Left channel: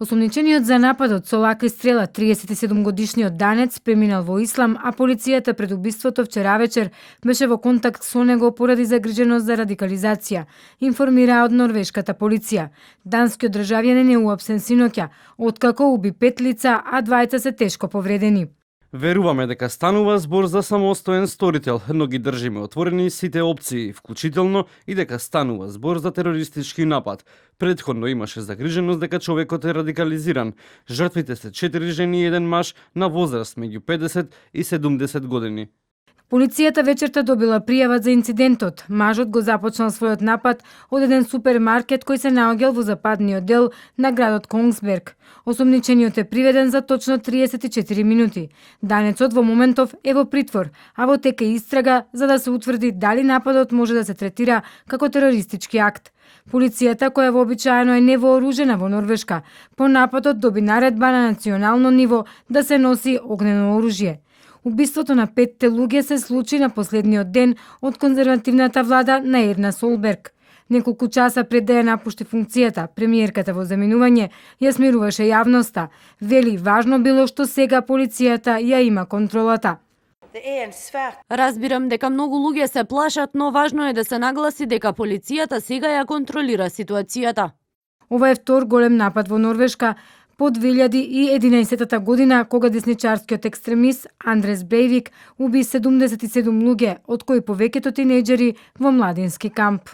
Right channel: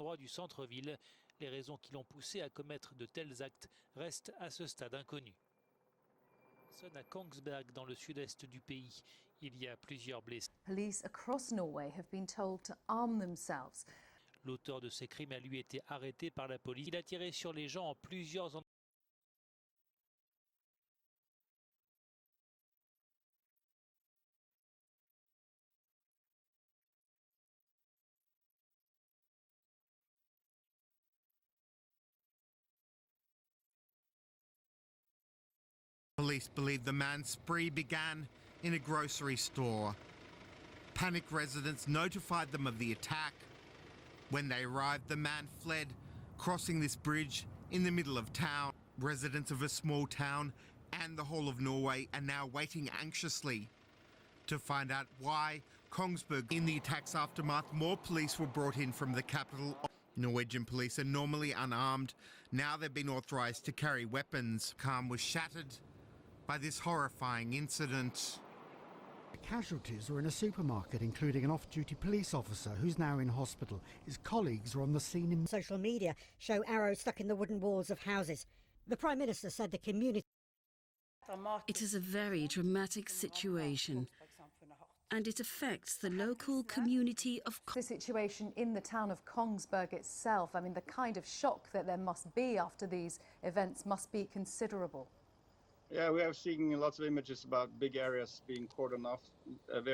Осомничениот за нападот со лака и стрела 37-годишниот данец преминал во ислам, а полицијата пред убиството вчера вечер беше во контакт со него поради загриженост за радикализација, информира од норвешката полиција. Данскиот државјанин е уапсен синоќа, откако уби 5 лица, а двајца се тешко повредени. Веруваме дека станува збор за самостоен сторител, но ги држиме отворени сите опции, вклучително и дека станува збор за терористички напад. Предходно имаше загриженост дека човекот е радикализиран. Жртвите се 4 жени и 1 маж на возраст меѓу 50 и 70 години. Полицијата вечерта добила пријава за инцидентот. Мажот го започнал својот напад од еден супермаркет кој се наоѓал во западниот дел на градот Конгсберг. Осомничениот е приведен за точно 34 минути. Данецот во моментов е во притвор, а во тека истрага за да се утврди дали нападот може да се третира како терористички акт. Полицијата, која вообичаено е невооружена во Норвешка, по нападот доби наредба на национално ниво да се носи огнено оружје. Убиството на 5 луѓе се случи на последниот ден од конзервативната влада на Ерна Солберг. Неколку часа пред да ја напушти функцијата, премиерката во заминување ја смируваше јавноста. Вели важно било што сега полицијата ја има контролата. Разбирам дека многу луѓе се плашат, но важно е да се нагласи дека полицијата сега ја контролира ситуацијата. Ова е втор голем напад во Норвешка по 2011 година, кога десничарскиот екстремист Андрес Брейвик уби 77 луѓе, од кои повеќето тинејџери во младински камп.